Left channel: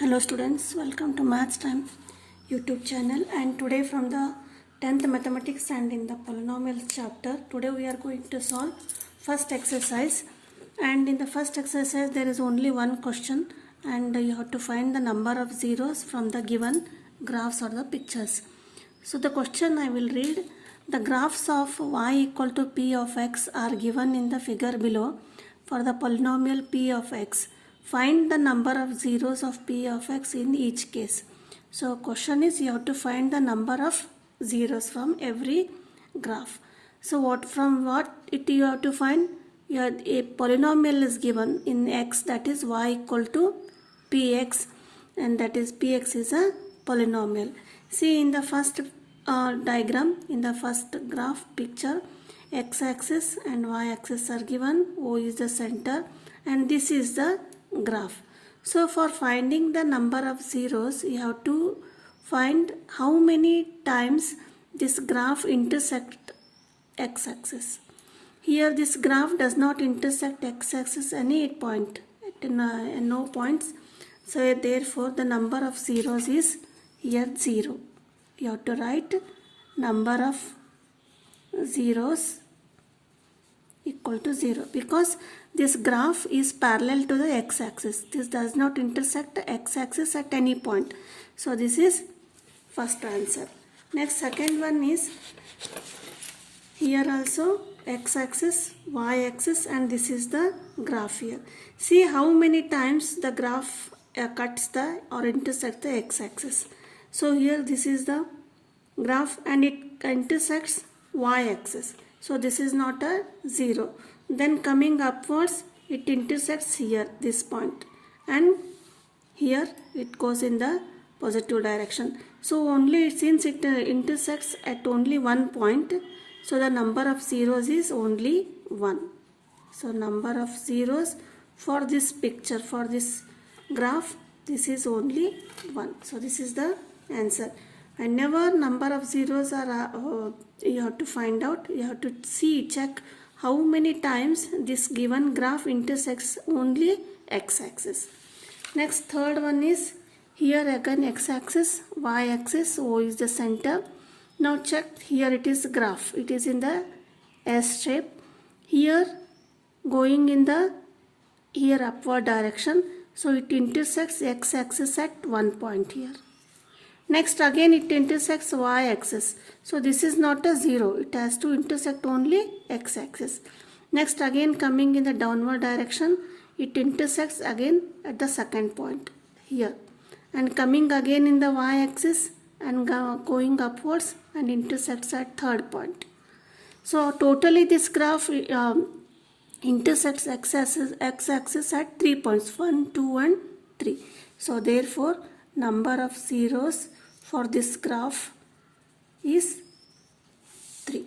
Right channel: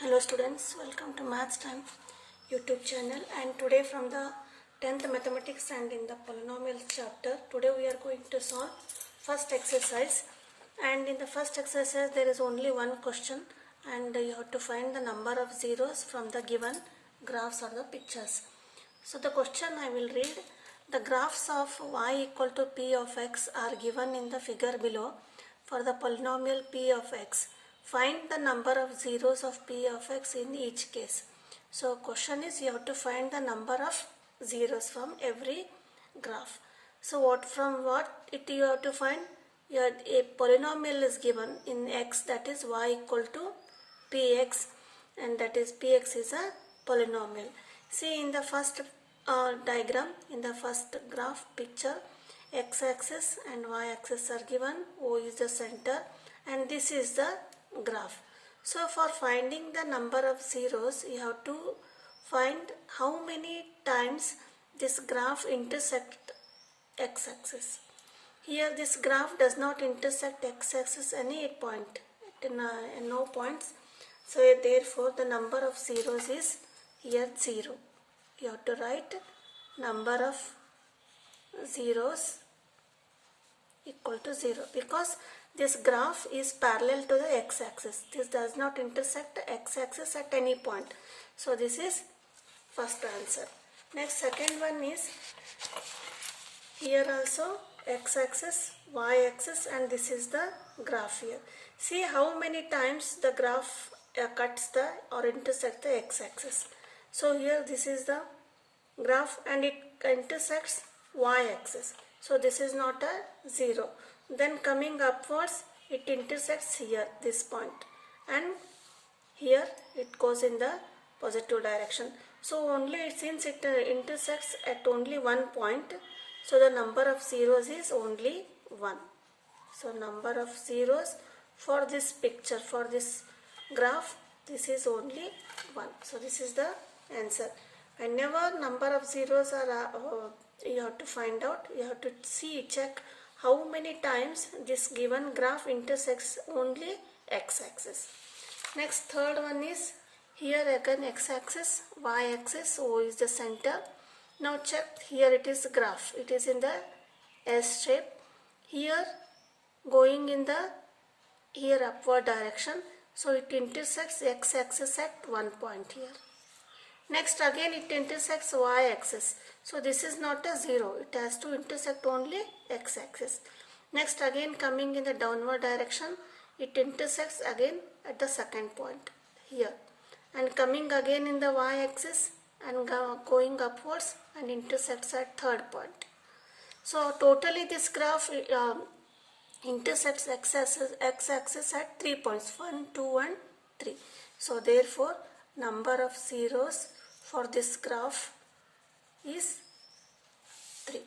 Hello students, welcome to Maths Time YouTube channel, and today from the 10th mathematics and in the polynomials chapter, today we are going to solve first exercise. And in the first exercise there is only one question, and you have to find the number of zeros from the given graphs or the pictures. So the question I will read. The graphs of y equal to p of x are given in the figure below for the polynomial p of x. Find the number of zeros of p of x in each case. So question is you have to find the number of zeros from every graph. So from what you have to find? A polynomial is given in x, that is y equal to px, and that is px is a polynomial. See in the first diagram, in the first graph picture, x-axis and y-axis are given, O is the center, and this is the graph. So for finding the number of zeros, you have to find how many times this graph intersect x-axis. Here this graph does not intersect x-axis any point, no points. So therefore the number of zeros is here 0. You have to write number of zeros equal to 0, because this graph is parallel to the x-axis. This does not intersect the x-axis at any point. So this is first answer. Next, second one is here also x-axis, y-axis, and this is the graph here. See how many times the graph cuts the or intersects the x-axis. So here this is the graph and it intersects y-axis. So this is not a 0. Then coming upwards, it intersects here, this point, and here it goes in the positive direction. So only since it intersects at only one point, so the number of zeros is only 1. So number of zeros for this picture, for this graph, this is only 1. So this is the answer. Whenever number of zeros are you have to find out, you have to check how many times this given graph intersects only x-axis. Next, third one is here again x-axis, y-axis, O is the center. Now check, here it is graph, it is in the S shape. Here going in the upward direction, so it intersects x-axis at one point here. Next again it intersects y-axis. So this is not a 0. It has to intersect only x-axis. Next again coming in the downward direction, it intersects again at the second point here. And coming again in the y-axis and going upwards and intersects at third point. So totally this graph intersects x-axis at 3 points, 1, 2 and 3. So therefore number of zeros for this graph is 3.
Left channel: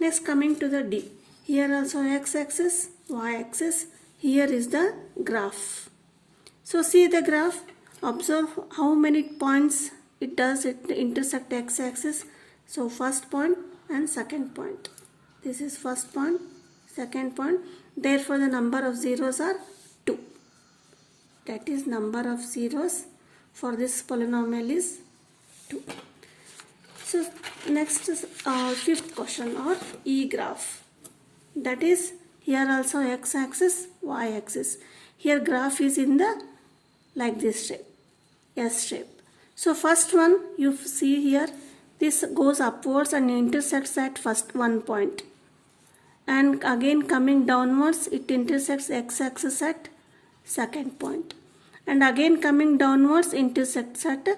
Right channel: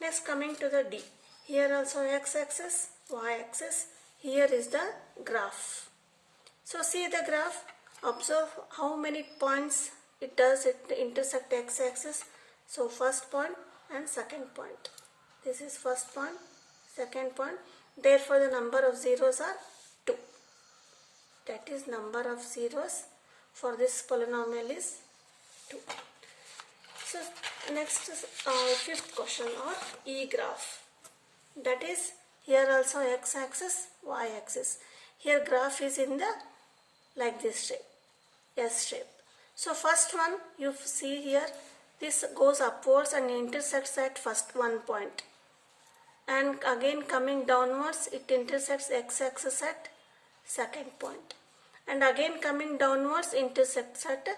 Next coming to the D. Here also x-axis, y-axis, here is the graph. So see the graph, observe how many points it intersect x-axis. So first point and second point. This is first point, second point. Therefore the number of zeros are 2. That is number of zeros for this polynomial is 2. So next is fifth question, or E graph. That is here also x-axis, y-axis. Here graph is in the like this shape, S shape. So first one you see here, this goes upwards and intersects at first one point. And again coming downwards, it intersects x-axis at second point. And again coming downwards intersects at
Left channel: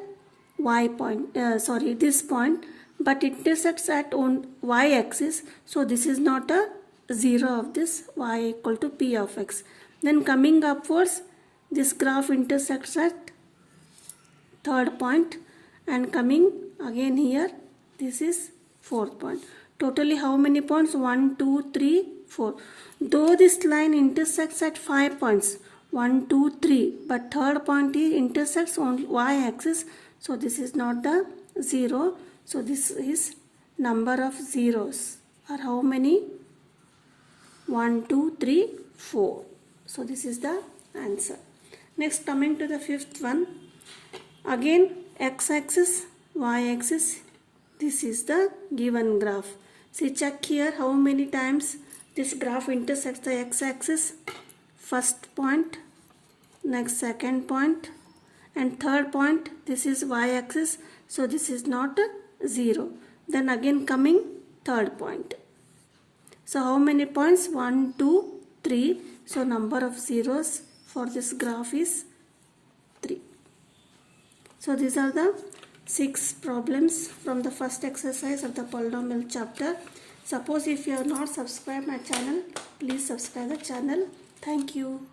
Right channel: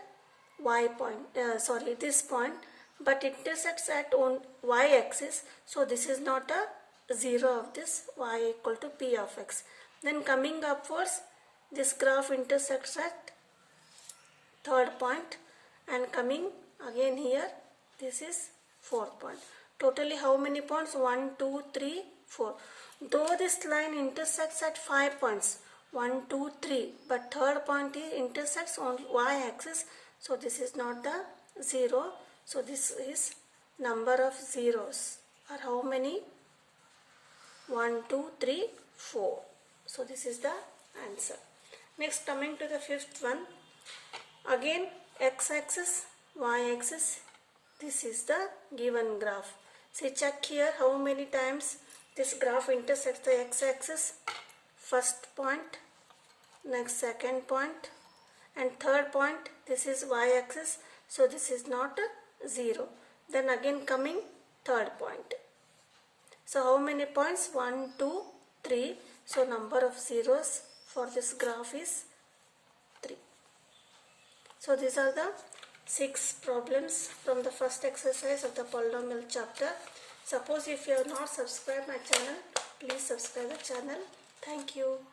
y point, this point, but intersects at y-axis. So this is not a 0 of this y equal to p of x. Then coming upwards, this graph intersects at third point, and coming again here, this is fourth point. Totally how many points? 1, 2, 3, 4. Though this line intersects at 5 points, 1, 2, 3, but third point intersects on y-axis. So this is not the 0. So this is number of zeros are how many? 1, 2, 3, 4. So this is the answer. Next, coming to the fifth one, again x-axis, y-axis, this is the given graph. See, check here how many times this graph intersects the x-axis. First point, next second point, and third point. This is y-axis, so this is not 0. Then again coming third point. So how many points? 1, 2, 3. So number of zeros for this graph is 3. So these are the 6 problems from the first exercise of the polynomial chapter. Suppose if you have not subscribed my channel, please subscribe the channel. Thank you.